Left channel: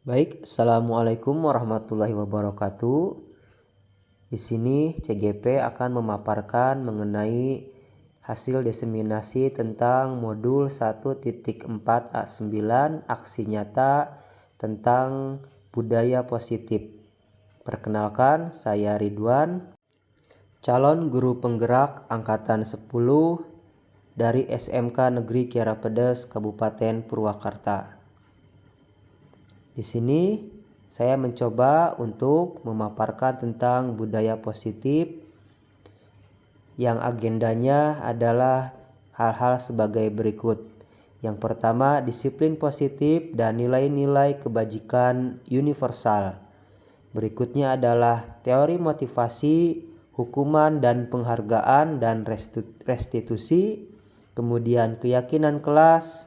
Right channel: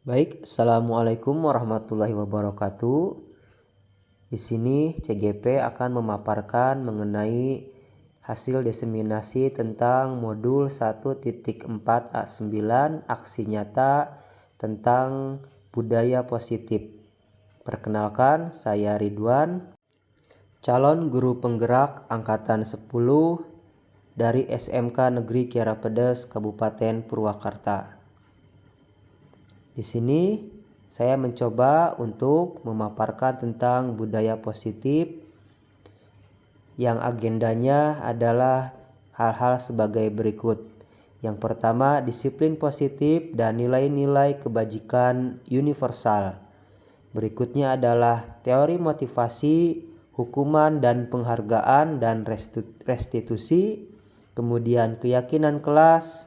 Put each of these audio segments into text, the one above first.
Baik, Assalamualaikum warahmatullahi wabarakatuh. Di sini CGP akan memaparkan mengenai hasil diseminasi tentang modul 1.4A9 aksi nyata tentang budaya positif. Perkenalkan, saya Ridwan, calon guru penggerak angkatan 10 dari SMK Negeri Kiara Pedes, Kabupaten Purwakarta. Di sini saya mencoba untuk memaparkan tentang budaya positif yang agendanya adalah hal-hal sebagai berikut. Yang pertama, disiplin positif dan nilai-nilai kebajikan universal. Berikutnya adalah teori motivasi, hukuman dan penghargaan dan restitusi. Kemudian keyakinan kelas,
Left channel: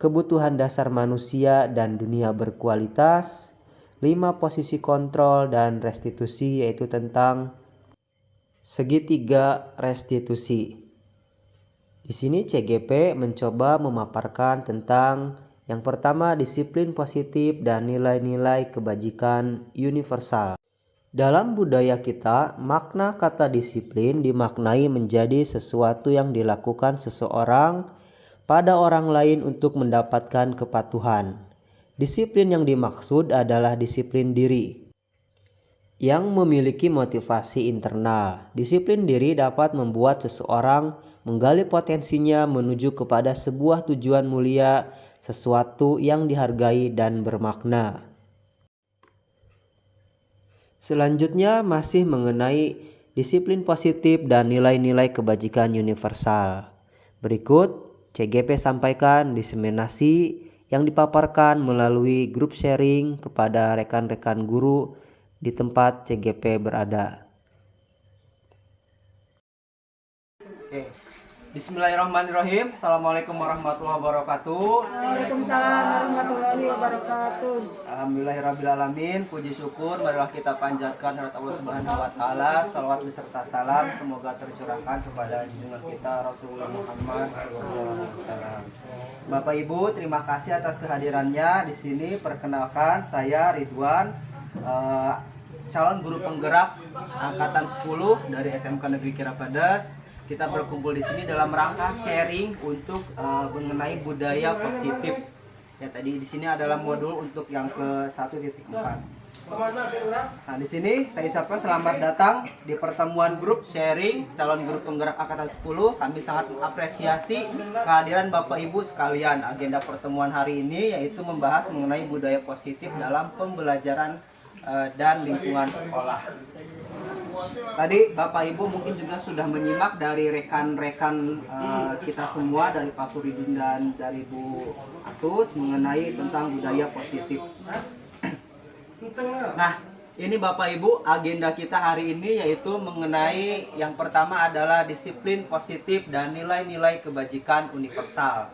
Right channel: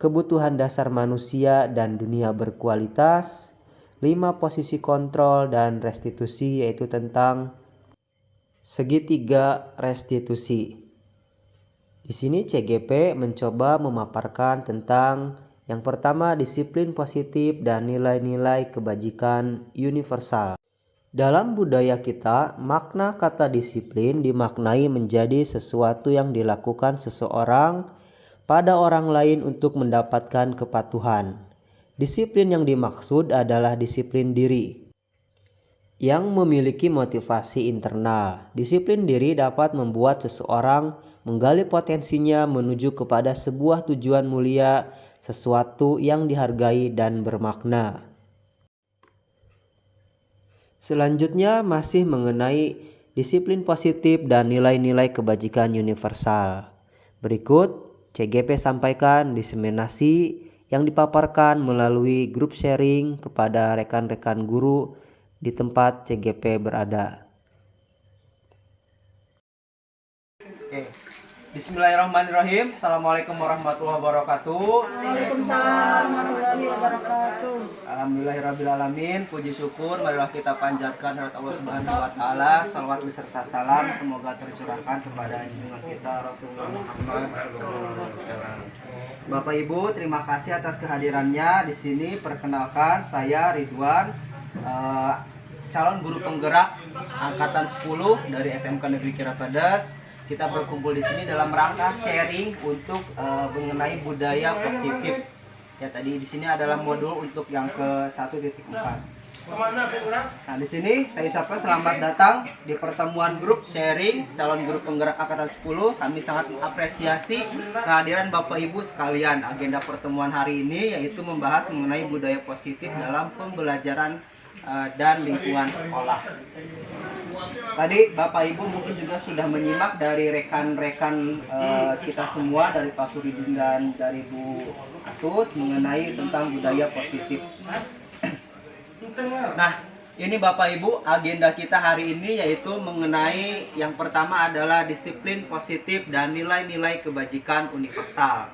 kebutuhan dasar manusia dan dunia berkualitas, 5 posisi kontrol dan restitusi, yaitu tentang segitiga restitusi. Di sini CGP mencoba memaparkan tentang yang pertama, disiplin positif dan nilai-nilai kebajikan universal. Dalam budaya kita, makna kata disiplin dimaknai menjadi sesuatu yang dilakukan seseorang pada orang lain untuk mendapatkan kepatuhan. Disiplin yang dimaksud adalah disiplin diri yang memiliki motivasi internal. Disiplin diri dapat membuat seseorang menggali potensinya menuju kepada sebuah tujuan mulia, sesuatu yang dihargai dan bermakna. Selanjutnya masih mengenai disiplin positif dan nilai-nilai kebajikan universal. Berikut CGP sampaikan diseminasi yang dipaparkan melalui grup sharing kepada rekan-rekan guru di tempat CGP berada. Bismillahirrahmanirrahim. Assalamualaikum warahmatullahi wabarakatuh. Waalaikumsalam warahmatullahi wabarakatuh. Alhamdulillahirrabbilalamin. Puji syukur marilah kita panjatkan kehadirat Allah Subhanahu wa taala. Salawat beserta salam semoga tercurahkan kepada junjungan kita Rasulullah Muhammad SAW. Bapak Ibu, terima kasih atas kehadirannya di sini. Perkenalkan, saya Ridwan, calon guru penggerak angkatan 10 dari SMK Negeri Kiara Pedes. Kita berkumpul di sini dalam rangka sharing untuk mengenai budaya positif. Ya, tadi di sini adalah modul untuk yang ke 1.4. Nah, di sini saya ucapkan selamat datang di pertemuan grup sharing calon guru penggerak angkatan 10. Kami sangat mengapresiasi kehadiran Bapak Ibu sekalian. Agenda pertemuan hari ini yaitu membahas mengenai budaya positif dalam pembelajaran dan lingkungan sekolah. Tadi Bapak Ibu mungkin juga sudah menyimak dari rekan-rekan kita semua, dari Pak Suridin dan dari Bu Atus, mengenai tentang budaya positif. Nah, ini Bapak Ibu, agenda kita hari ini yaitu mengenai yang pertama adalah disiplin positif dan nilai-nilai kebajikan universal.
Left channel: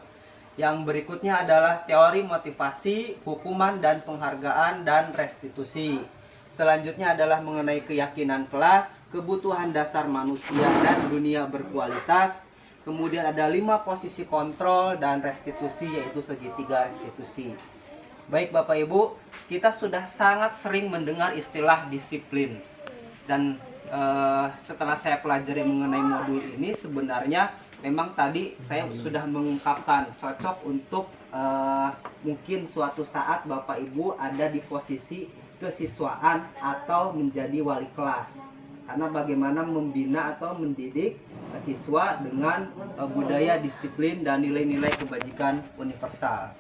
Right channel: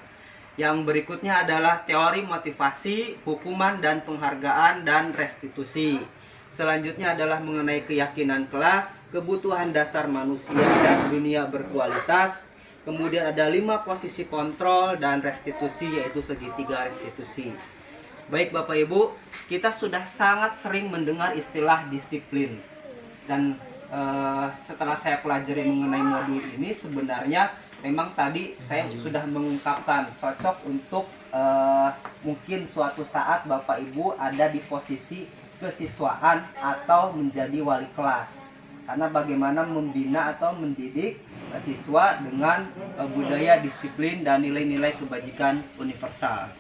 Yang berikutnya adalah teori motivasi, hukuman dan penghargaan dan restitusi. Selanjutnya adalah mengenai keyakinan kelas, kebutuhan dasar manusia dan dunia berkualitas. Kemudian ada 5 posisi kontrol dan restitusi, yaitu segitiga restitusi. Baik Bapak Ibu, kita sudah sangat sering mendengar istilah disiplin. Dan setelah saya pelajari mengenai modul ini, sebenarnya memang tadi saya sudah mengungkapkan cocok untuk mungkin suatu saat Bapak Ibu ada di posisi kesiswaan atau menjadi wali kelas, karena bagaimana membina atau mendidik siswa dengan budaya disiplin dan nilai-nilai kebajikan universal.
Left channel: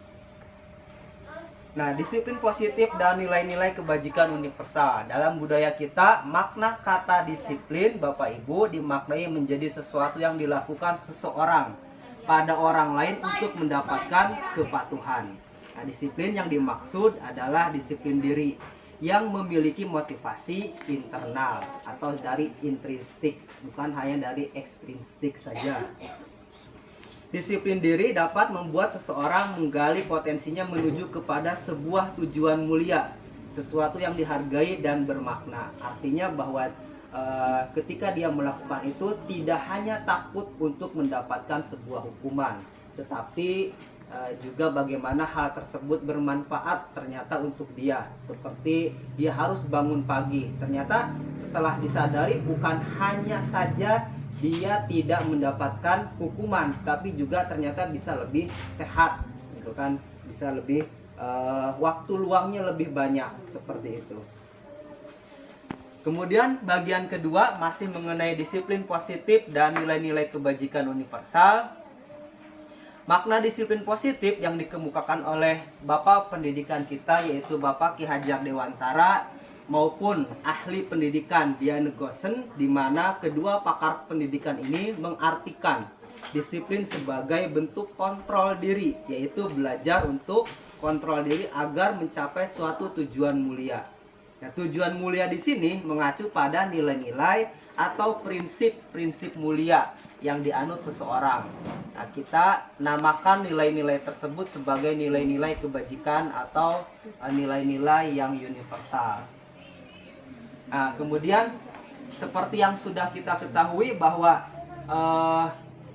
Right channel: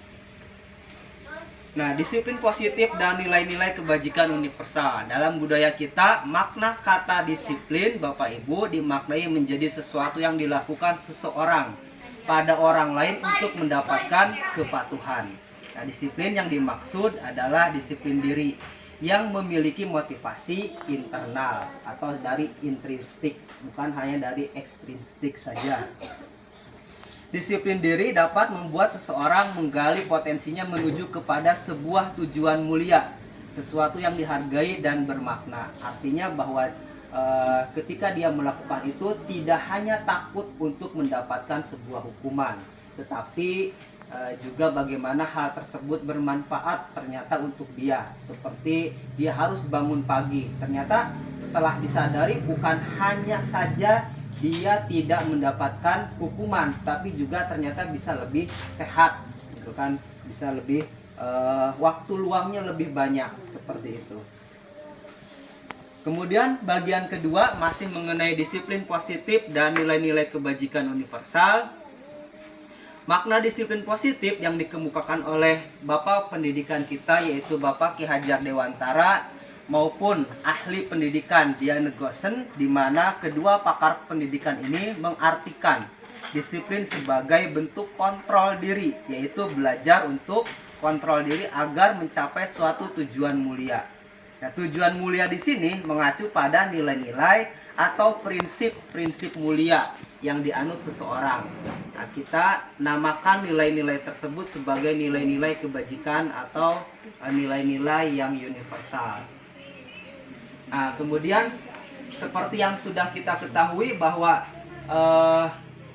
Nah, disiplin positif dan nilai-nilai kebajikan universal. Dalam budaya kita, makna kata disiplin Bapak Ibu dimaknai menjadi sesuatu yang dilakukan seseorang pada orang lain untuk mendapatkan kepatuhan. Nah, disiplin yang dimaksud adalah disiplin diri yang memiliki motivasi internal atau dari intrinsik, bukan hanya dari ekstrinsik saja. Disiplin diri dapat membuat seseorang menggali potensinya menuju kepada sebuah tujuan mulia, sesuatu yang dihargai dan bermakna. Artinya bahwa ketika dia melakukan itu tidak hanya takut untuk mendapatkan sebuah hukuman, tetapi juga bagaimana hal tersebut bermanfaat ternyata untuk dia. Seperti dia harus bangun pagi, ternyata setelah disadari bukan hanya saja dia tidak mendapatkan hukuman, tapi juga ternyata bisa lebih sehat gitu kan, bisa lebih waktu luangnya lebih banyak, seperti itu. Kemudian bagian kedua masih mengenai disiplin positif dan nilai-nilai kebajikan universal. Makna disiplin positif yang dikemukakan oleh Bapak pendidikan kita, yaitu Bapak Ki Hajar Dewantara maupun ahli pendidikan Dian Negosen, di mana kedua pakar pendidikan ini mengartikan disiplin sebagai bentuk kontrol diri, yaitu belajar untuk kontrol diri agar mencapai suatu tujuan mulia. Nah, tujuan mulia di sini mengacu pada nilai-nilai atau prinsip-prinsip mulia yang dianut seseorang. Nah, kita namakan nilai-nilai tersebut sebagai nilai-nilai kebajikan atau nilai-nilai yang universal. Nah, kemudian seperti yang sudah kita ketahui bahwa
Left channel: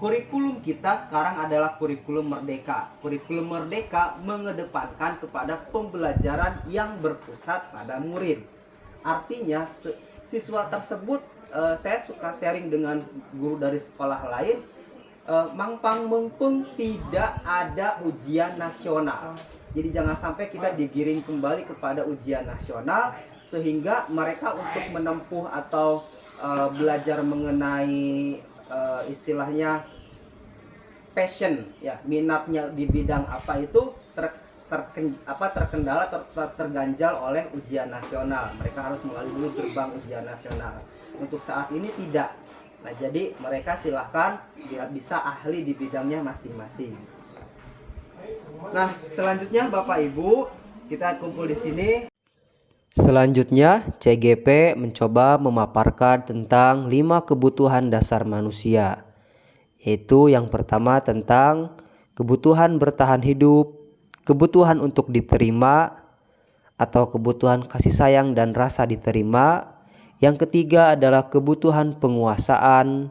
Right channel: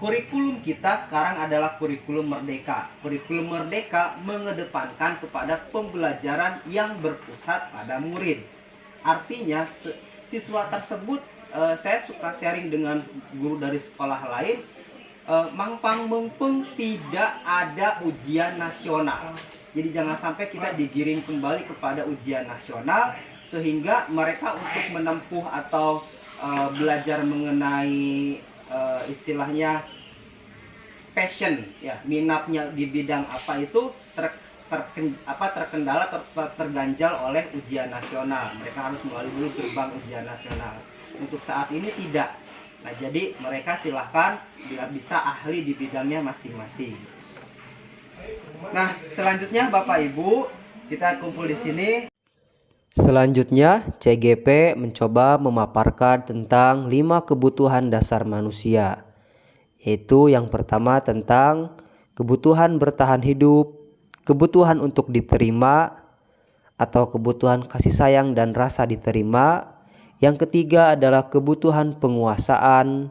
kurikulum kita sekarang adalah kurikulum merdeka. Kurikulum merdeka mengedepankan kepada pembelajaran yang berpusat pada murid. Artinya siswa tersebut, saya suka sharing dengan guru dari sekolah lain, mangpang mengpeng tidak ada ujian nasional. Jadi jangan sampai kita digiring kembali kepada ujian nasional, sehingga mereka untuk menempuh atau belajar mengenai istilahnya passion, ya, minatnya di bidang apa itu terkendala atau terganjal oleh ujian nasional. Mereka harus melalui gerbang ujian nasional. Untuk saat ini tidak. Nah, jadi mereka silahkan bila bisa ahli di bidangnya masing-masing. Nah, selanjutnya Bapak Ibu, kita kumpul di sini. Selanjutnya, CGP mencoba memaparkan tentang 5 kebutuhan dasar manusia, yaitu yang pertama tentang kebutuhan bertahan hidup, kebutuhan untuk diterima atau kebutuhan kasih sayang dan rasa diterima. Yang ketiga adalah kebutuhan penguasaan,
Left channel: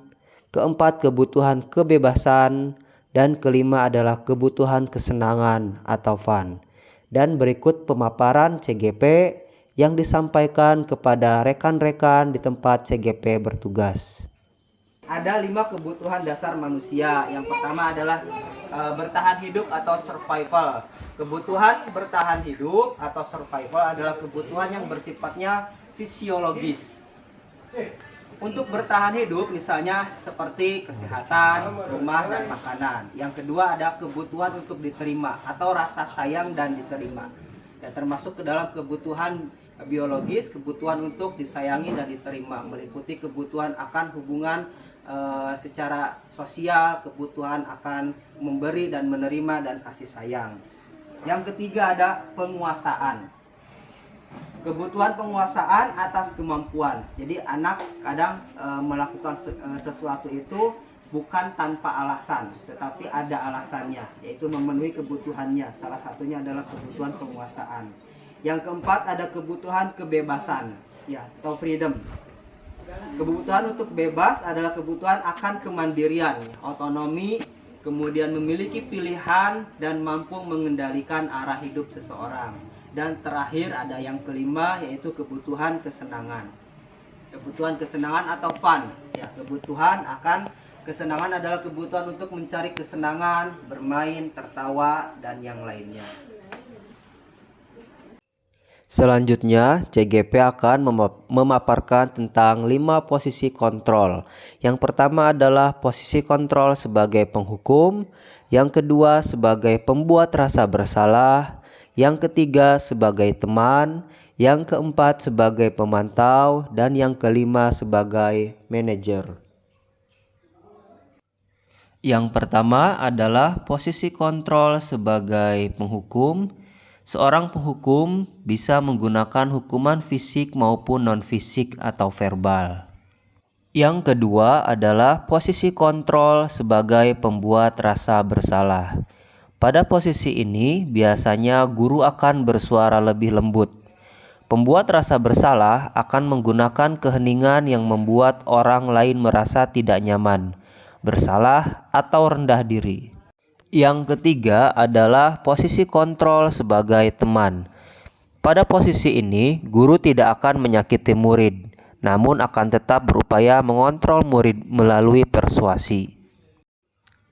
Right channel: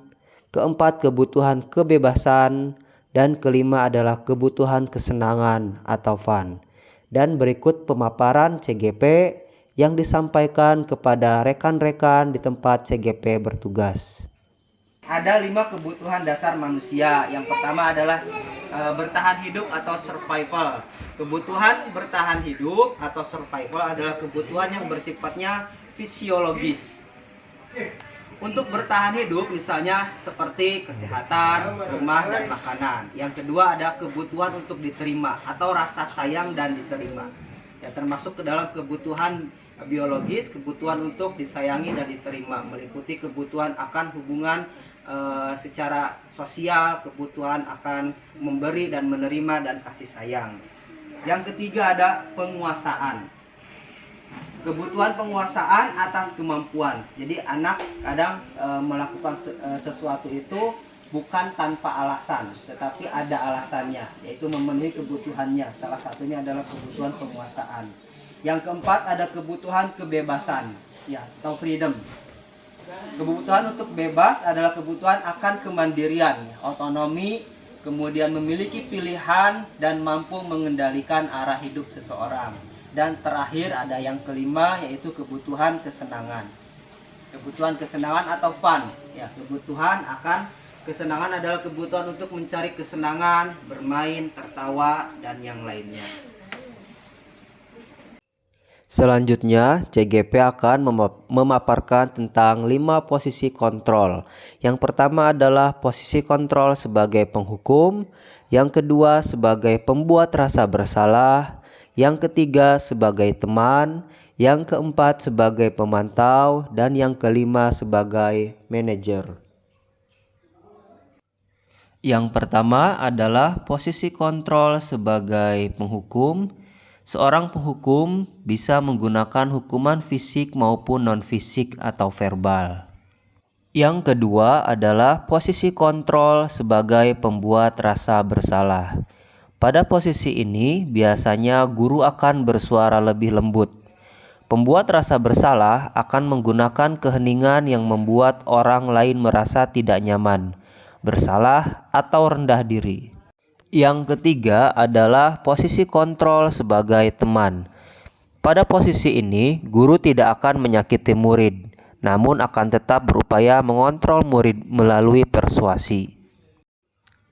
keempat kebutuhan kebebasan, dan kelima adalah kebutuhan kesenangan atau fun. Dan berikut pemaparan CGP yang disampaikan kepada rekan-rekan di tempat CGP bertugas. Ada 5 kebutuhan dasar manusia. Yang pertama adalah bertahan hidup atau survival. Kebutuhan bertahan hidup atau survival adalah kebutuhan yang bersifatnya fisiologis. Untuk bertahan hidup misalnya seperti kesehatan, rumah, dan makanan. Yang kedua ada kebutuhan untuk diterima atau rasa sayang dan diterima. Ya, termasuk ke dalam kebutuhan biologis, kebutuhan untuk disayangi dan diterima, meliputi kebutuhan akan hubungan secara sosial, kebutuhan akan memberi dan menerima dan kasih sayang. Yang ketiga ada penguasaan. Kebutuhan penguasaan atas kemampuan. Jadi anak kadang melakukan sesuatu itu bukan tanpa alasan, tetapi ada alasannya, yaitu memenuhi kebutuhannya. Salah satunya adalah kebutuhan penguasaan. Yang keempat ada kebutuhan kebebasan, ya, atau freedom. Kebutuhan untuk bebas adalah kebutuhan akan kemandirian, otonomi, kemudian memiliki pilihan dan mampu mengendalikan arah hidup seseorang. Dan terakhir ada yang kelima, yaitu kebutuhan kesenangan. Kebutuhan kesenangan atau fun, ya, kebutuhan akan kesenangan adalah kebutuhan untuk mencari kesenangan, bermain, tertawa, dan yang lainnya. Selanjutnya, CGP akan memaparkan tentang 5 posisi kontrol. Yang pertama adalah posisi kontrol sebagai penghukum, yang kedua sebagai pembuat rasa bersalah, yang ketiga sebagai teman, yang keempat sebagai pemantau, dan yang kelima sebagai manajer. Yang pertama adalah posisi kontrol sebagai penghukum. Seorang penghukum bisa menggunakan hukuman fisik maupun non-fisik atau verbal. Yang kedua adalah posisi kontrol sebagai pembuat rasa bersalah. Pada posisi ini biasanya guru akan bersuara lebih lembut. Pembuat rasa bersalah akan menggunakan keheningan yang membuat orang lain merasa tidak nyaman, bersalah, atau rendah diri. Yang ketiga adalah posisi kontrol sebagai teman. Pada posisi ini, guru tidak akan menyakiti murid, namun akan tetap berupaya mengontrol murid melalui persuasi.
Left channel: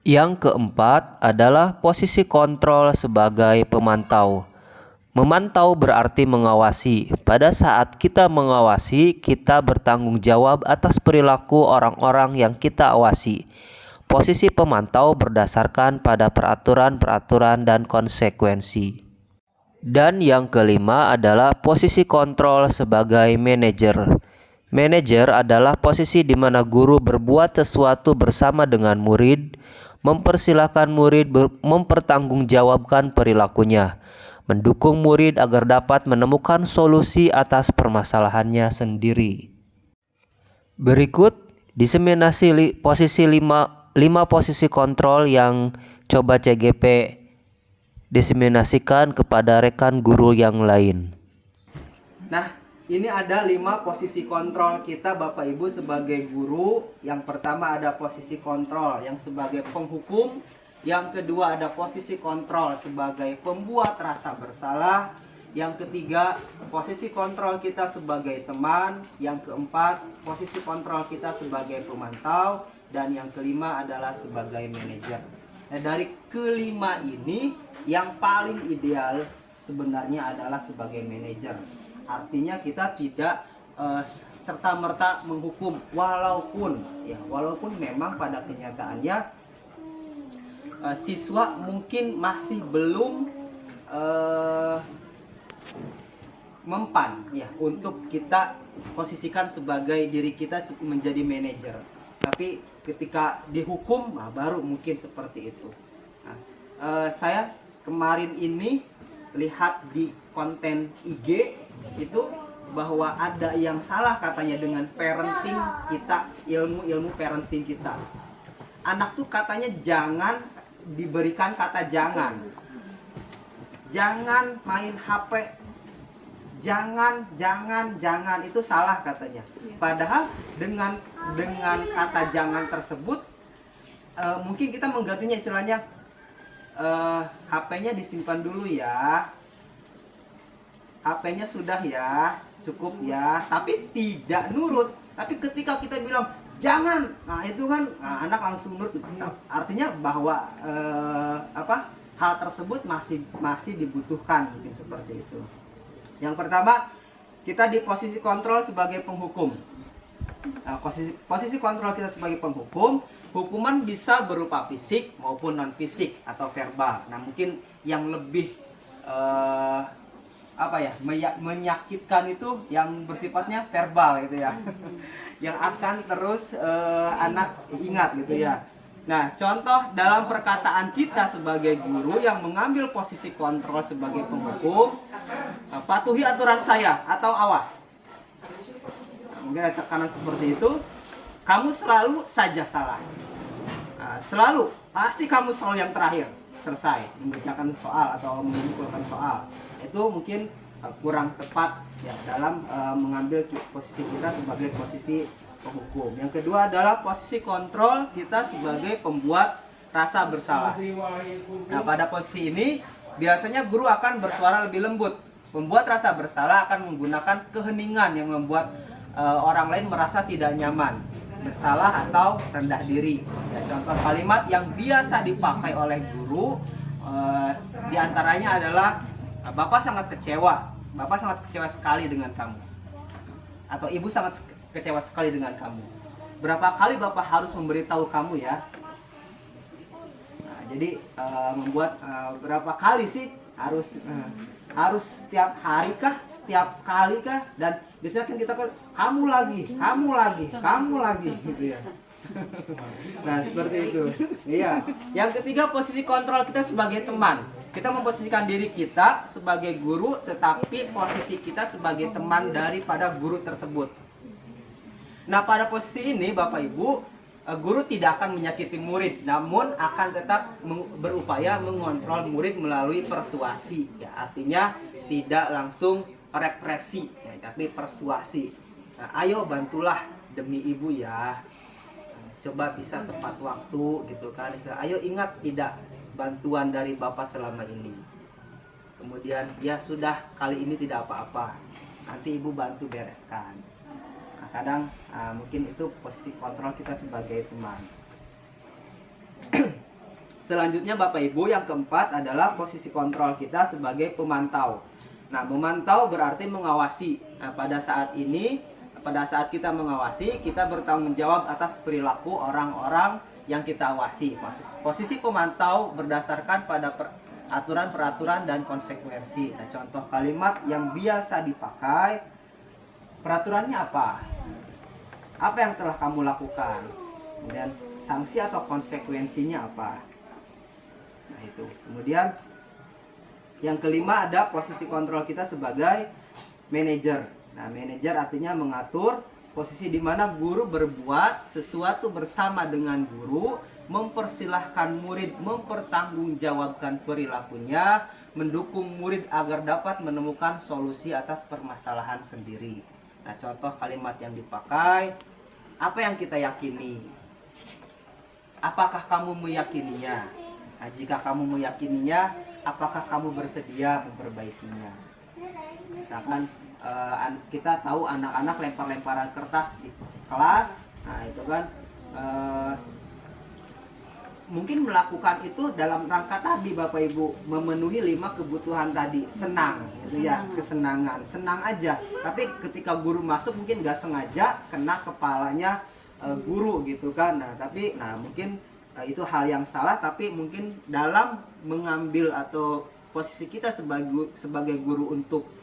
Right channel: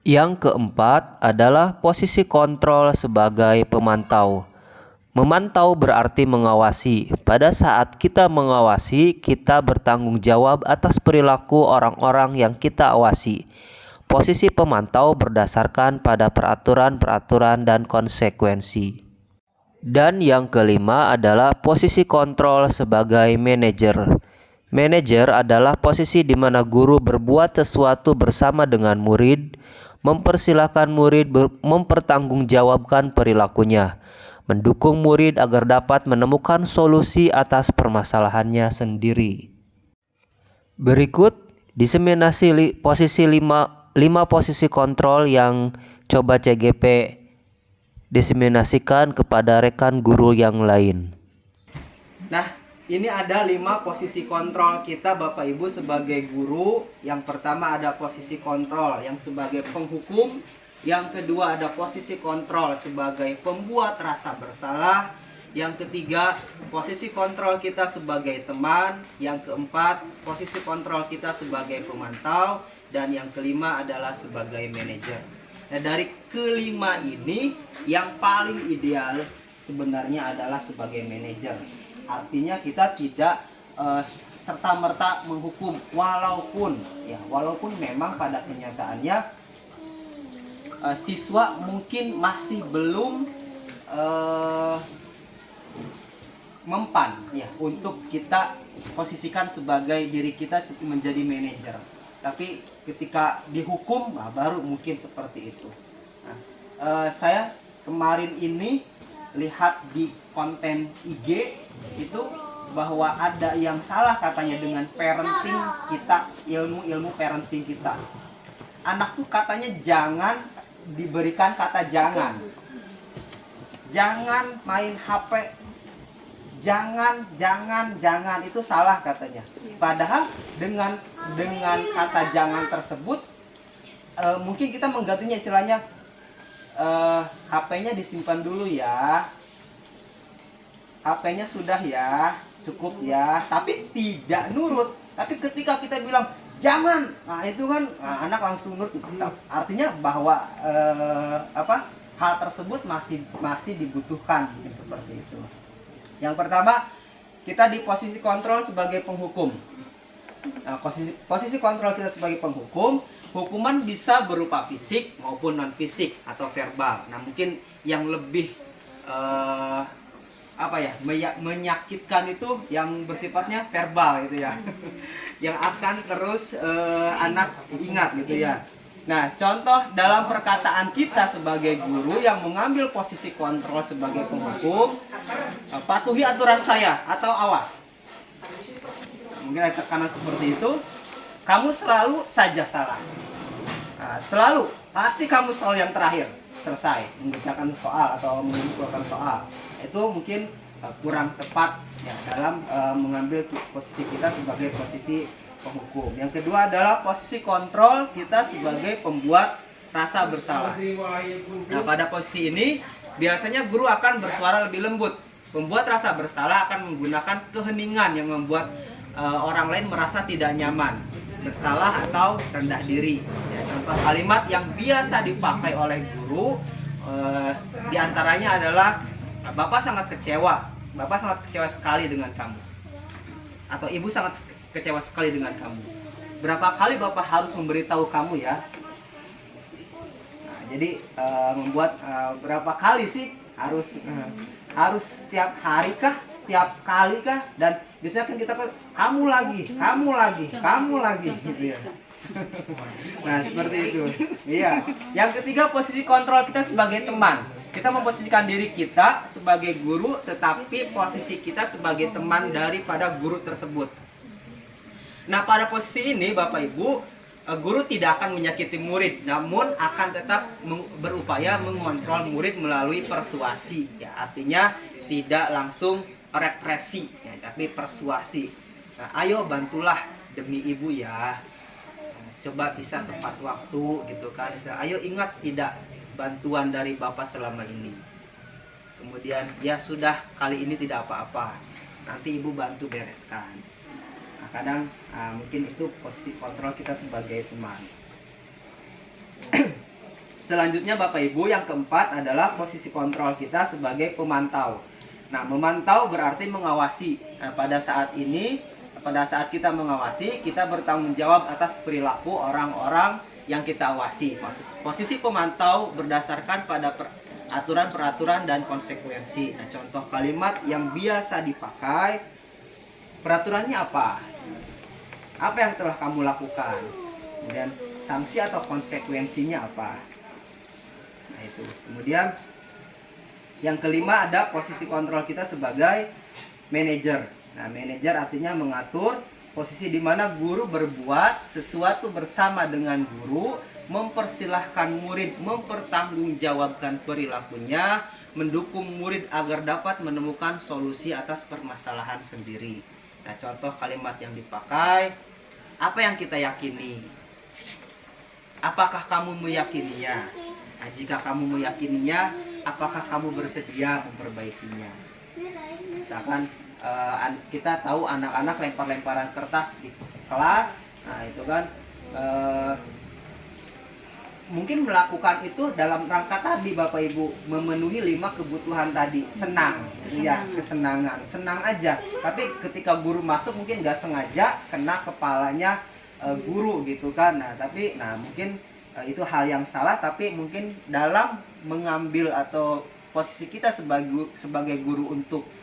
Yang keempat adalah posisi kontrol sebagai pemantau. Memantau berarti mengawasi. Pada saat kita mengawasi, kita bertanggung jawab atas perilaku orang-orang yang kita awasi. Posisi pemantau berdasarkan pada peraturan-peraturan dan konsekuensi. Dan yang kelima adalah posisi kontrol sebagai manajer. Manajer adalah posisi di mana guru berbuat sesuatu bersama dengan murid, mempersilahkan murid mempertanggungjawabkan perilakunya, mendukung murid agar dapat menemukan solusi atas permasalahannya sendiri. Berikut diseminasi posisi 5 posisi kontrol yang coba CGP diseminasikan kepada rekan guru yang lain. Nah, ini ada 5 posisi kontrol kita Bapak Ibu sebagai guru. Yang pertama ada posisi kontrol yang sebagai penghukum. Yang kedua ada posisi kontrol sebagai pembuat rasa bersalah. Yang ketiga, posisi kontrol kita sebagai teman. Yang keempat, posisi kontrol kita sebagai pemantau. Dan yang kelima adalah sebagai manajer. Nah, dari kelima ini yang paling ideal sebenarnya adalah sebagai manajer. Artinya kita tidak serta-merta menghukum, walaupun memang pada kenyataannya siswa mungkin masih belum mempan ya untuk kita posisikan sebagai diri kita menjadi manajer. Tapi ketika dihukum, baru mungkin seperti itu. Nah, saya kemarin ini lihat di konten IG itu bahwa ada yang salah katanya dengan parenting kita, ilmu parenting kita. Anak tuh katanya jangan diberikan kata jangan main HP, jangan itu salah katanya. Padahal dengan kata jangan tersebut mungkin kita menggantinya istilahnya HP-nya disimpan dulu ya, HP-nya sudah ya, cukup ya, tapi tidak nurut. Tapi ketika kita bilang jangan, nah itu kan anak langsung nurut. Artinya bahwa hal tersebut masih dibutuhkan mungkin seperti itu. Yang pertama, kita di posisi kontrol sebagai penghukum. Nah, posisi kontrol kita sebagai penghukum, hukuman bisa berupa fisik maupun non fisik atau verbal. Nah, mungkin yang lebih menyakitkan itu yang bersifatnya verbal gitu ya. Yang akan terus anak ingat gitu ya. Nah, contoh dalam perkataan kita sebagai guru yang mengambil posisi kontrol sebagai penghukum, patuhi aturan saya atau awas. Nah, mungkin ada tekanan seperti itu, kamu selalu saja salah. Nah, pasti kamu selalu yang terakhir selesai mengerjakan soal atau mengumpulkan soal. Itu mungkin kurang tepat ya dalam mengambil posisi kita sebagai posisi penghukum. Yang kedua adalah posisi kontrol kita sebagai pembuat rasa bersalah. Nah, pada posisi ini biasanya guru akan bersuara lebih lembut. Pembuat rasa bersalah akan menggunakan keheningan yang membuat orang lain merasa tidak nyaman, bersalah atau rendah diri. Ya, contoh kalimat yang biasa dipakai oleh guru diantaranya adalah Bapak sangat kecewa sekali dengan kamu, atau Ibu sangat kecewa sekali dengan kamu. Berapa kali Bapak harus memberitahu kamu ya? Nah, jadi membuat berapa kali sih harus setiap hari kah, setiap kali kah? Dan biasanya kan kita kamu lagi gitu ya. Nah, seperti itu. Iya. Yang ketiga, posisi kontrol kita sebagai teman. Kita memposisikan diri kita sebagai guru, tetapi posisi kita sebagai teman daripada guru tersebut. Nah, pada posisi ini Bapak Ibu, guru tidak akan menyakiti murid, namun akan tetap berupaya mengontrol murid melalui persuasi. Ya, artinya tidak langsung represi, ya, tapi persuasi. Nah, ayo bantulah demi ibu ya. Coba bisa tepat waktu gitu kan. Ayo ingat tidak bantuan dari Bapak selama ini. Kemudian ya sudah, kali ini tidak apa-apa, nanti Ibu bantu bereskan. Nah, kadang mungkin itu posisi kontrol kita sebagai teman. Selanjutnya Bapak Ibu, yang keempat adalah posisi kontrol kita sebagai pemantau. Nah, memantau berarti mengawasi. Nah, pada saat kita mengawasi, kita bertanggung jawab atas perilaku orang-orang yang kita awasi. Posisi pemantau berdasarkan pada aturan-peraturan dan konsekuensi. Nah, contoh kalimat yang biasa dipakai, peraturannya apa? Apa yang telah kamu lakukan? Kemudian sanksi atau konsekuensinya apa? Nah, itu. Kemudian yang kelima ada posisi kontrol kita sebagai manajer. Nah, manajer artinya mengatur posisi di mana guru berbuat sesuatu bersama dengan guru, mempersilahkan murid mempertanggungjawabkan perilakunya, mendukung murid agar dapat menemukan solusi atas permasalahan sendiri. Nah, contoh kalimat yang dipakai, apa yang kita yakini? Apakah kamu meyakininya? Nah, jika kamu meyakininya, apakah kamu bersedia memperbaikinya? Misalkan kita tahu anak-anak lempar-lemparan kertas di kelas, nah itu kan mungkin melakukan itu dalam rangka tadi Bapak Ibu, memenuhi 5 kebutuhan tadi, senang, ya, kesenangan, senang aja. Tapi ketika guru masuk mungkin nggak sengaja kena kepalanya guru gitu kan. Nah mungkin itu hal yang salah, tapi mungkin dalam mengambil atau posisi kita sebagai guru untuk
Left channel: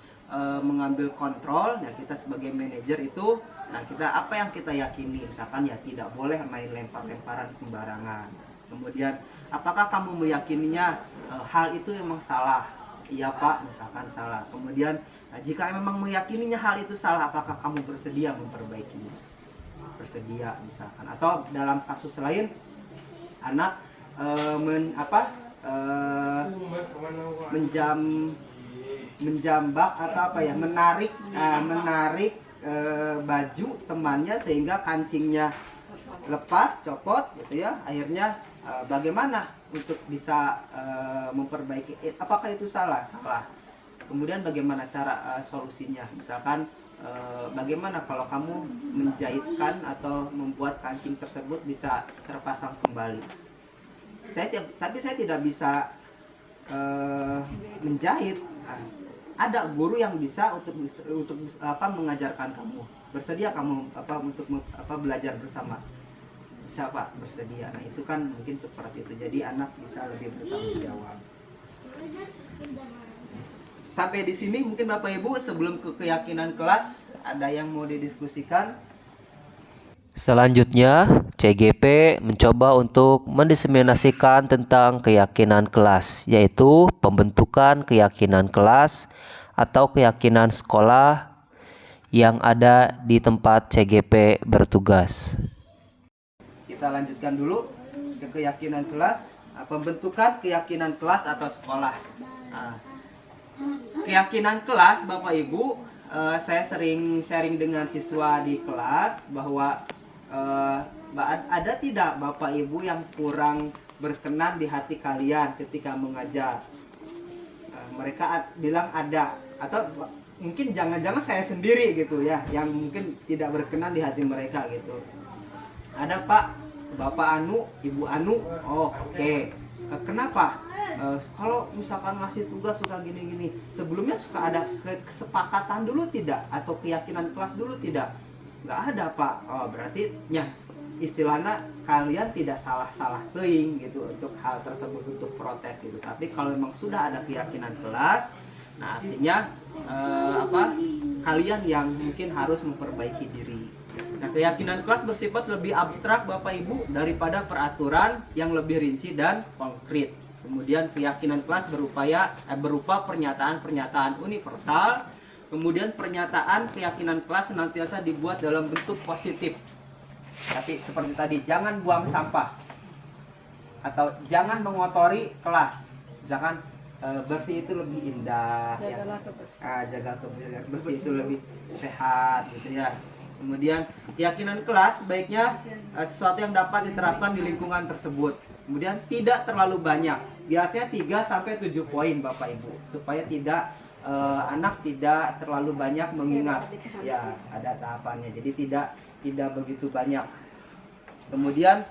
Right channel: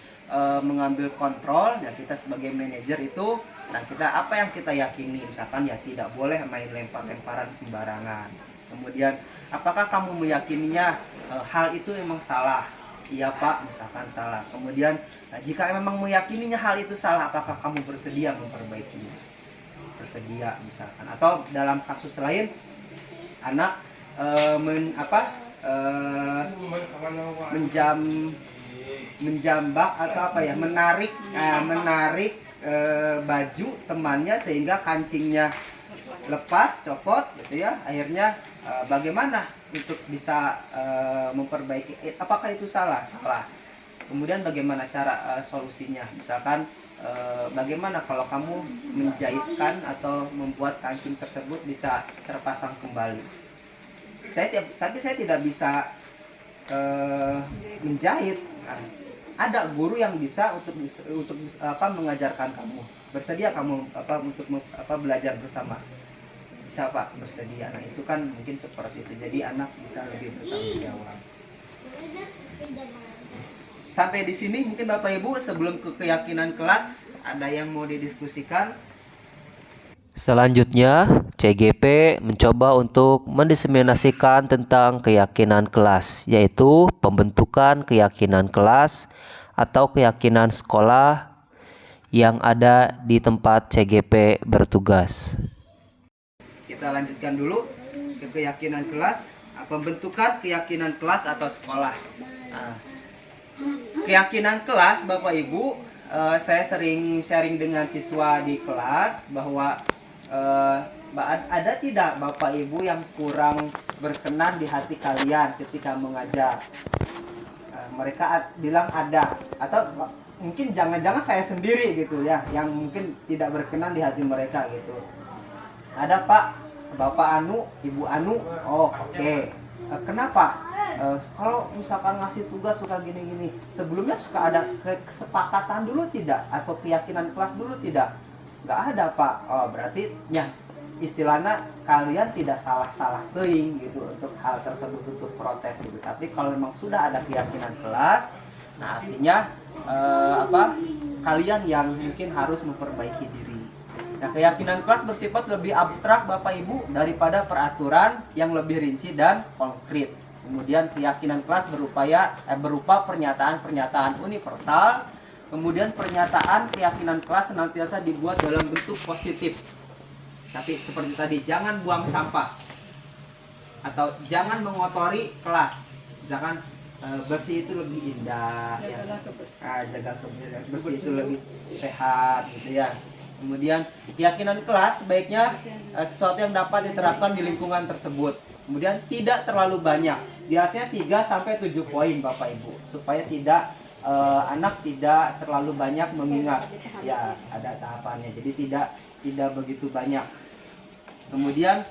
mengambil kontrol, ya kita sebagai manajer itu, nah kita apa yang kita yakini, misalkan ya tidak boleh main lempar-lemparan sembarangan. Kemudian apakah kamu meyakininya hal itu memang salah? Iya Pak, misalkan salah. Kemudian jika memang meyakininya hal itu salah, apakah kamu bersedia memperbaikinya? Bersedia misalkan. Atau dalam kasus lain, anak menjambak atau apa ya, menarik baju temannya sehingga kancingnya lepas, copot gitu ya. Akhirnya bagaimana untuk bisa memperbaiki, apakah itu salah? Kemudian bagaimana cara solusinya? Misalkan bagaimana kalau kamu menjahitkan atau membuat kancing tersebut bisa terpasang kembali? Tapi saya tidak bisa menjahit. Nah, ada guru yang bisa untuk mengajarkan kamu. Bersedia kamu untuk belajar bersama? Bisa Pak, bersedia. Nah, itu kan mungkin seperti itu. Jadi anak bisa lebih bertanggung jawab. Sampai di sini mungkin Bapak Ibu, sebelum ke keyakinan kelas, ada yang mau didiskusikan? Selanjutnya, CGP mencoba untuk mendiseminasikan tentang keyakinan kelas, yaitu pembentukan keyakinan kelas atau keyakinan sekolah yang ada di tempat CGP bertugas. Kita lanjutkan dulu ke keyakinan kelas, pembentukan keyakinan kelas atau sekolah. Nah, keyakinan kelas Bapak Ibu, saya sering sharing dengan siswa di kelas bahwa ada tidak Bapak Ibu yang kurang berkenan di hati kalian ketika mengajar? Mereka bilang ada, atau mungkin jangan-jangan saya sendiri gitu ya yang mungkin tidak berkenan di hati mereka gitu. Ada Pak, Bapak Anu, Ibu Anu. Oh oke. Kenapa? Kalau misalkan ngasih tugas suka gini-gini, sebelumnya suka ada kesepakatan dulu tidak? Atau keyakinan kelas dulu tidak? Nggak ada Pak. Oh berarti ya istilahnya kalian tidak salah teuing gitu untuk hal tersebut, untuk protes gitu. Tapi kalau memang sudah ada keyakinan kelas, nah artinya kalian yang mungkin harus memperbaiki diri. Nah, keyakinan kelas bersifat lebih abstrak Bapak Ibu daripada peraturan yang lebih rinci dan konkret. Kemudian keyakinan kelas berupa pernyataan-pernyataan universal. Kemudian pernyataan keyakinan kelas senantiasa dibuat dalam bentuk positif. Tapi seperti tadi, jangan buang sampah atau jangan mengotori kelas. Misalkan bersih itu lebih indah, jaga kebersihan, bersih itu lebih sehat gitu ya. Kemudian keyakinan kelas sebaiknya sesuatu yang dapat diterapkan di lingkungan tersebut. Kemudian tidak terlalu banyak. Biasanya 3 sampai 7 poin Bapak Ibu, supaya tidak anak tidak terlalu banyak mengingat. Ya, ada tahapannya. Jadi tidak begitu banyak. Kemudian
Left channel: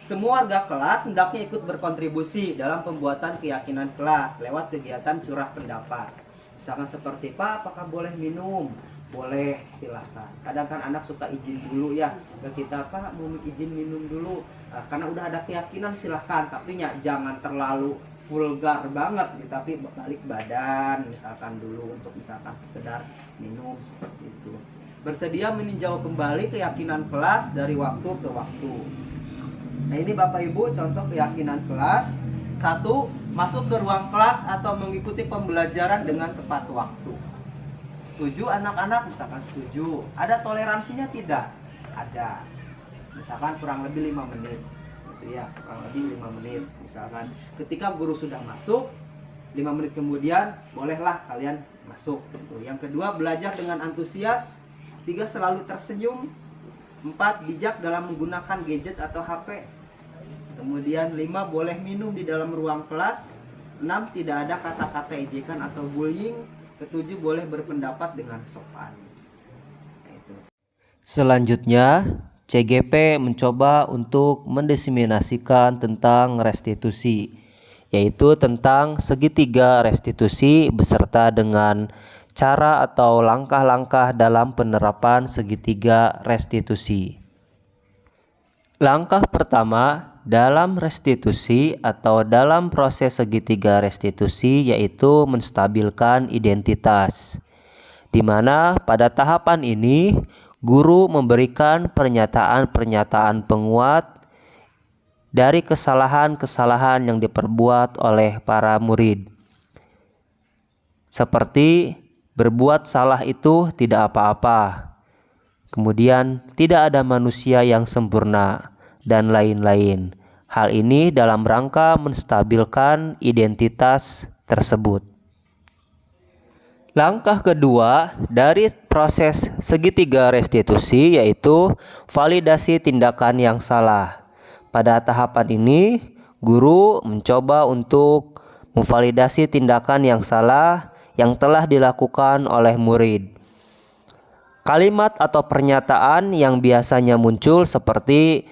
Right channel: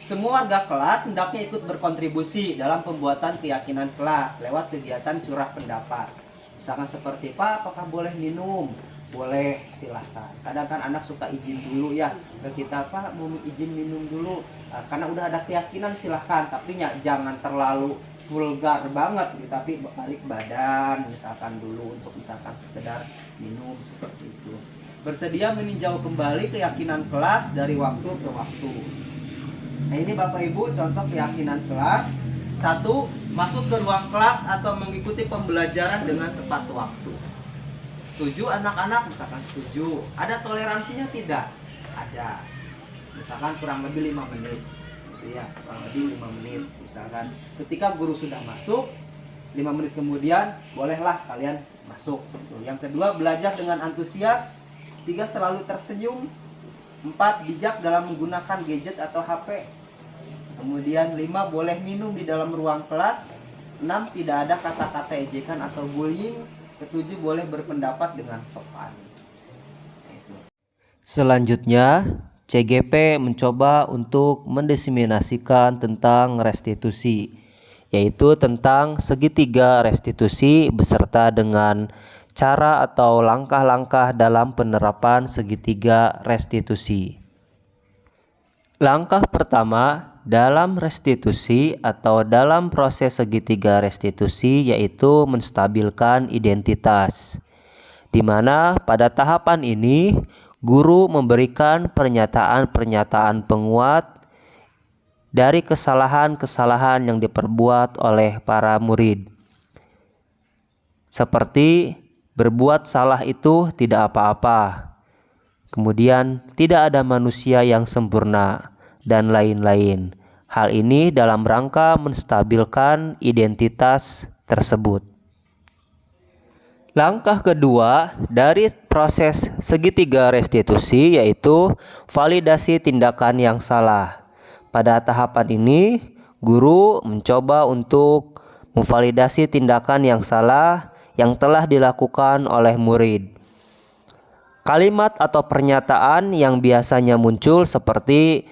semua warga kelas hendaknya ikut berkontribusi dalam pembuatan keyakinan kelas lewat kegiatan curah pendapat. Misalkan seperti, Pak, apakah boleh minum? Boleh, silahkan. Kadang kan anak suka izin dulu ya ke kita, Pak, mau izin minum dulu. Karena udah ada keyakinan silahkan, tapi jangan terlalu vulgar banget, tapi balik badan misalkan dulu untuk misalkan sekedar minum seperti itu. Bersedia meninjau kembali keyakinan kelas dari waktu ke waktu. Nah, ini Bapak Ibu contoh keyakinan kelas. 1. Masuk ke ruang kelas atau mengikuti pembelajaran dengan tepat waktu. Setuju anak-anak? Misalkan setuju. Ada toleransinya tidak? Ada. Misalkan kurang lebih 5 menit. Gitu ya, kurang lebih 5 menit. Misalkan ketika guru sudah masuk, 5 menit kemudian bolehlah kalian masuk. Yang kedua, belajar dengan antusias. 3. Selalu tersenyum. 4. Bijak dalam menggunakan gadget atau HP. Kemudian 5. Boleh minum di dalam ruang kelas. 6. Tidak ada kata-kata ejekan atau bullying. 7. Boleh berpendapat dengan sopan. Selanjutnya, CGP mencoba untuk mendiseminasikan tentang restitusi, yaitu tentang segitiga restitusi beserta dengan cara atau langkah-langkah dalam penerapan segitiga restitusi. Langkah pertama dalam restitusi atau dalam proses segitiga restitusi yaitu menstabilkan identitas, di mana pada tahapan ini guru memberikan pernyataan-pernyataan penguat dari kesalahan-kesalahan yang diperbuat oleh para murid. Seperti berbuat salah itu tidak apa-apa. Kemudian tidak ada manusia yang sempurna dan lain-lain. Hal ini dalam rangka menstabilkan identitas tersebut. Langkah kedua dari proses segitiga restitusi yaitu validasi tindakan yang salah. Pada tahapan ini, guru mencoba untuk memvalidasi tindakan yang salah yang telah dilakukan oleh murid. Kalimat atau pernyataan yang biasanya muncul seperti,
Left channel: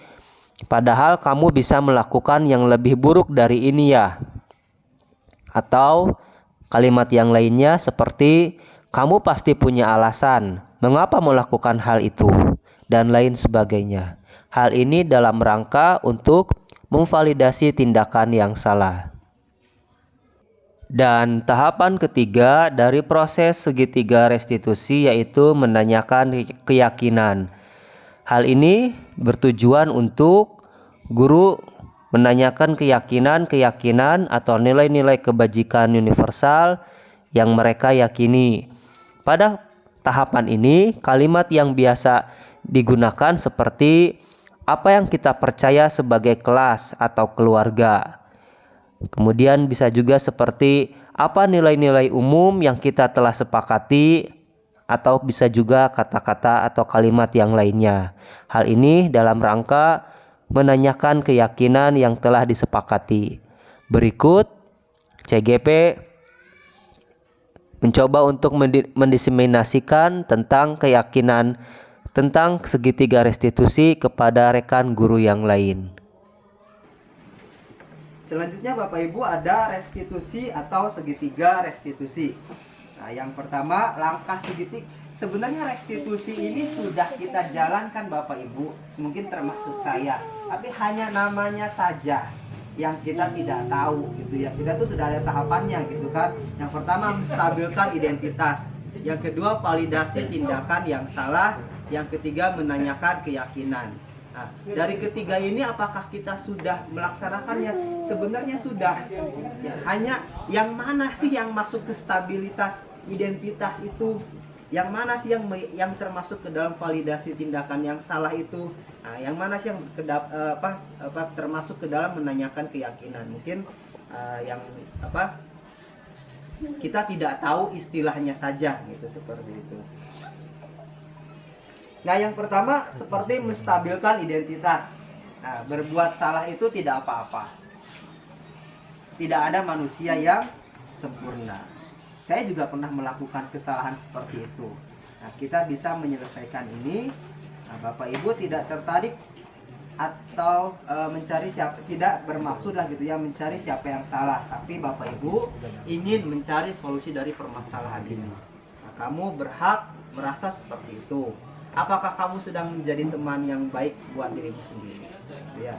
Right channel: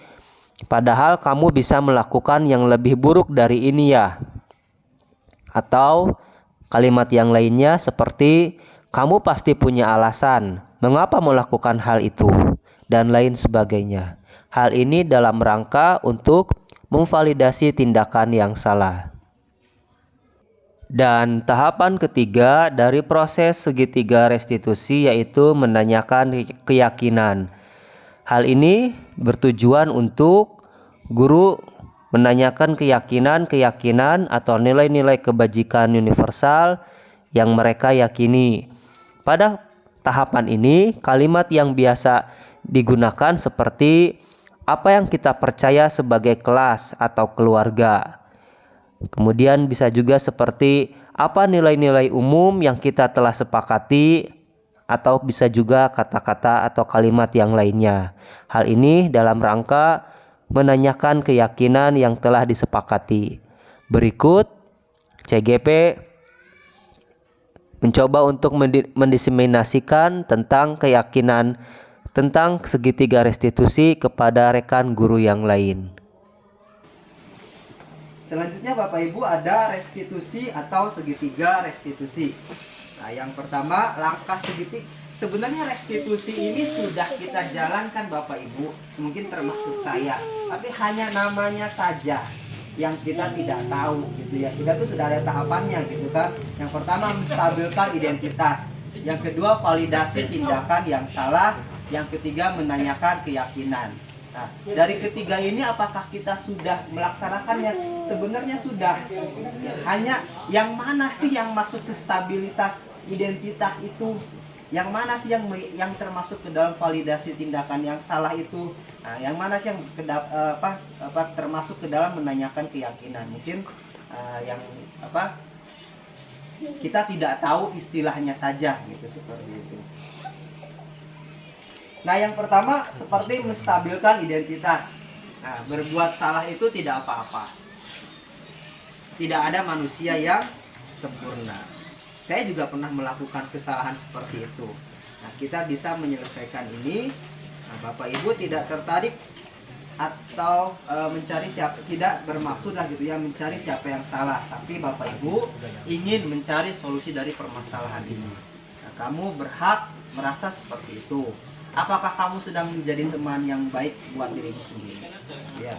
padahal kamu bisa melakukan yang lebih buruk dari ini ya. Atau kalimat yang lainnya seperti, kamu pasti punya alasan mengapa melakukan hal itu, dan lain sebagainya. Hal ini dalam rangka untuk memvalidasi tindakan yang salah. Dan tahapan ketiga dari proses segitiga restitusi yaitu menanyakan keyakinan. Hal ini bertujuan untuk guru menanyakan keyakinan atau nilai-nilai kebajikan universal yang mereka yakini. Pada tahapan ini, kalimat yang biasa digunakan seperti apa yang kita percaya sebagai kelas atau keluarga. Kemudian bisa juga seperti apa nilai-nilai umum yang kita telah sepakati, atau bisa juga kata-kata atau kalimat yang lainnya. Hal ini dalam rangka menanyakan keyakinan yang telah disepakati. Berikut CGP mencoba untuk mendiseminasikan tentang keyakinan tentang segitiga restitusi kepada rekan guru yang lain. Selanjutnya Bapak Ibu ada restitusi atau segitiga restitusi. Nah, yang pertama langkah segitiga. Sebenarnya restitusi ini sudah kita jalankan Bapak Ibu, mungkin termasuk saya, tapi hanya namanya saja yang kita tidak tahu gitu ya. Kita tuh sudah ada tahapannya gitu kan. Yang pertama menstabilkan identitas, yang kedua validasi tindakan yang salah, yang ketiga menanyakan keyakinan. Nah, dari ketiga ini apakah kita sudah melaksanakannya? Sebenarnya sudah. Hanya yang mana sih yang masuk ke stabilitas identitas itu? Yang mana sih yang termasuk ke dalam validasi tindakan yang salah itu? Nah, yang mana sih yang termasuk ke dalam menanyakan keyakinan? Mungkin kita tidak tahu istilahnya saja gitu, seperti itu. Nah, yang pertama seperti menstabilkan identitas. Nah, berbuat salah itu tidak apa-apa. Tidak ada manusia yang sempurna. Saya juga pernah melakukan kesalahan seperti itu. Nah, kita bisa menyelesaikan ini. Nah, Bapak Ibu tidak tertarik atau mencari siapa, tidak bermaksud lah gitu ya mencari siapa yang salah, tapi Bapak Ibu ingin mencari solusi dari permasalahan ini. Nah, kamu berhak merasa seperti itu. Apakah kamu sedang menjadi teman yang baik buat dirimu sendiri? Ya.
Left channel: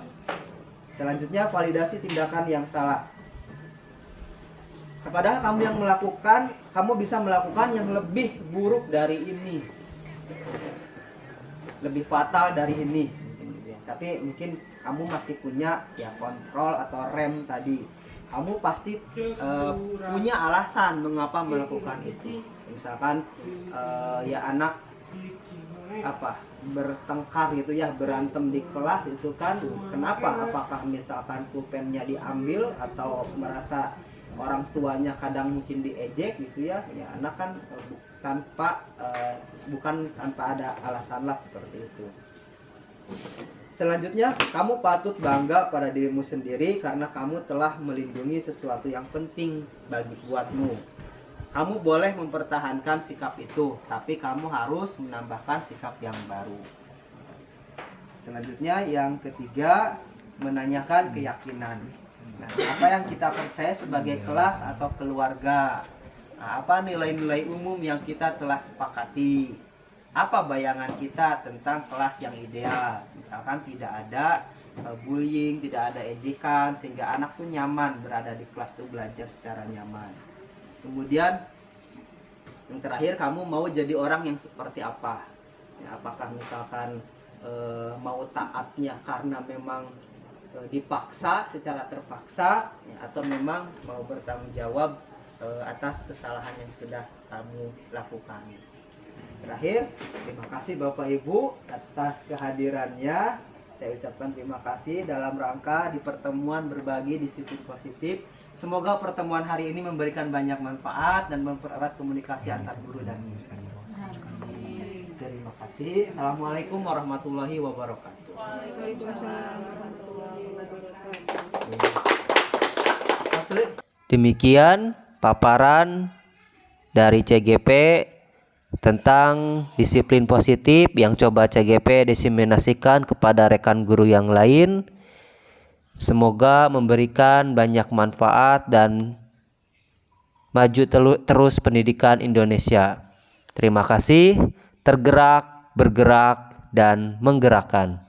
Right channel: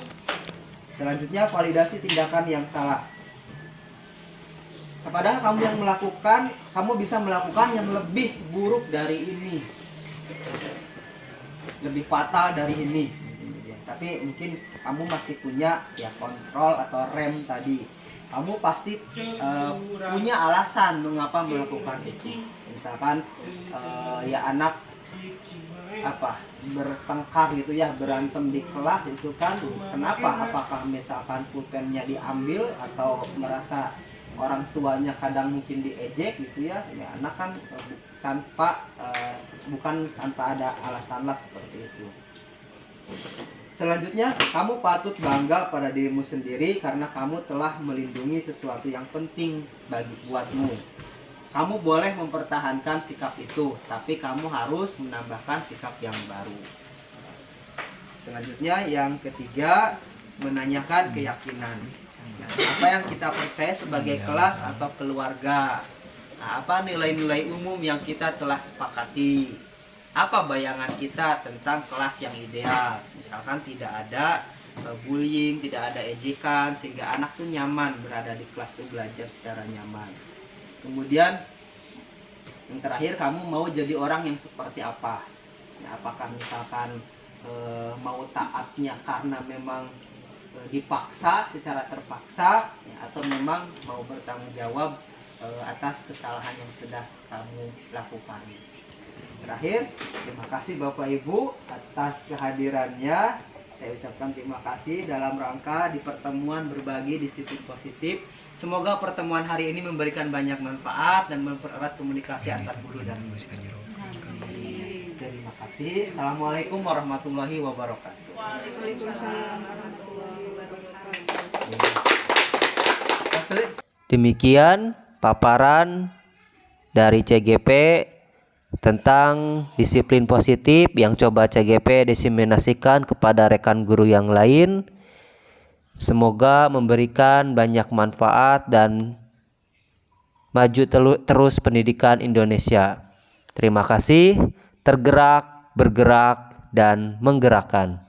Selanjutnya, validasi tindakan yang salah. Padahal kamu yang melakukan, kamu bisa melakukan yang lebih buruk dari ini, lebih fatal dari ini. Tapi mungkin kamu masih punya ya kontrol atau rem tadi. Kamu pasti punya alasan mengapa melakukan itu. Misalkan ya anak bertengkar gitu ya, berantem di kelas itu kan kenapa? Apakah misalkan pulpennya diambil atau merasa orang tuanya kadang mungkin diejek gitu ya. Ya anak kan bukan tanpa ada alasan lah seperti itu. Selanjutnya, kamu patut bangga pada dirimu sendiri karena kamu telah melindungi sesuatu yang penting buatmu. Kamu boleh mempertahankan sikap itu, tapi kamu harus menambahkan sikap yang baru. Selanjutnya, yang ketiga, menanyakan keyakinan. Nah, apa yang kita percaya sebagai kelas atau keluarga? Nah, apa nilai-nilai umum yang kita telah sepakati? Apa bayangan kita tentang kelas yang ideal? Misalkan tidak ada bullying, tidak ada ejekan, sehingga anak tuh nyaman berada di kelas tuh, belajar secara nyaman. Kemudian yang terakhir, kamu mau jadi orang yang seperti apa? Ya, apakah misalkan mau taatnya karena memang dipaksa, secara terpaksa, ya, atau memang mau bertanggung jawab atas kesalahan yang sudah kamu lakukan. Terakhir, terima kasih Bapak Ibu atas kehadirannya. Saya ucapkan terima kasih dalam rangka di pertemuan berbagi disiplin positif. Semoga pertemuan hari ini memberikan banyak manfaat dan mempererat komunikasi antar guru dan murid. Terima kasih. Assalamualaikum warahmatullahi wabarakatuh. Waalaikumsalam warahmatullahi wabarakatuh. Demikian paparan dari CGP tentang disiplin positif yang coba CGP diseminasikan kepada rekan guru yang lain. Semoga memberikan banyak manfaat dan maju terus pendidikan Indonesia. Terima kasih. Tergerak, bergerak, dan menggerakkan.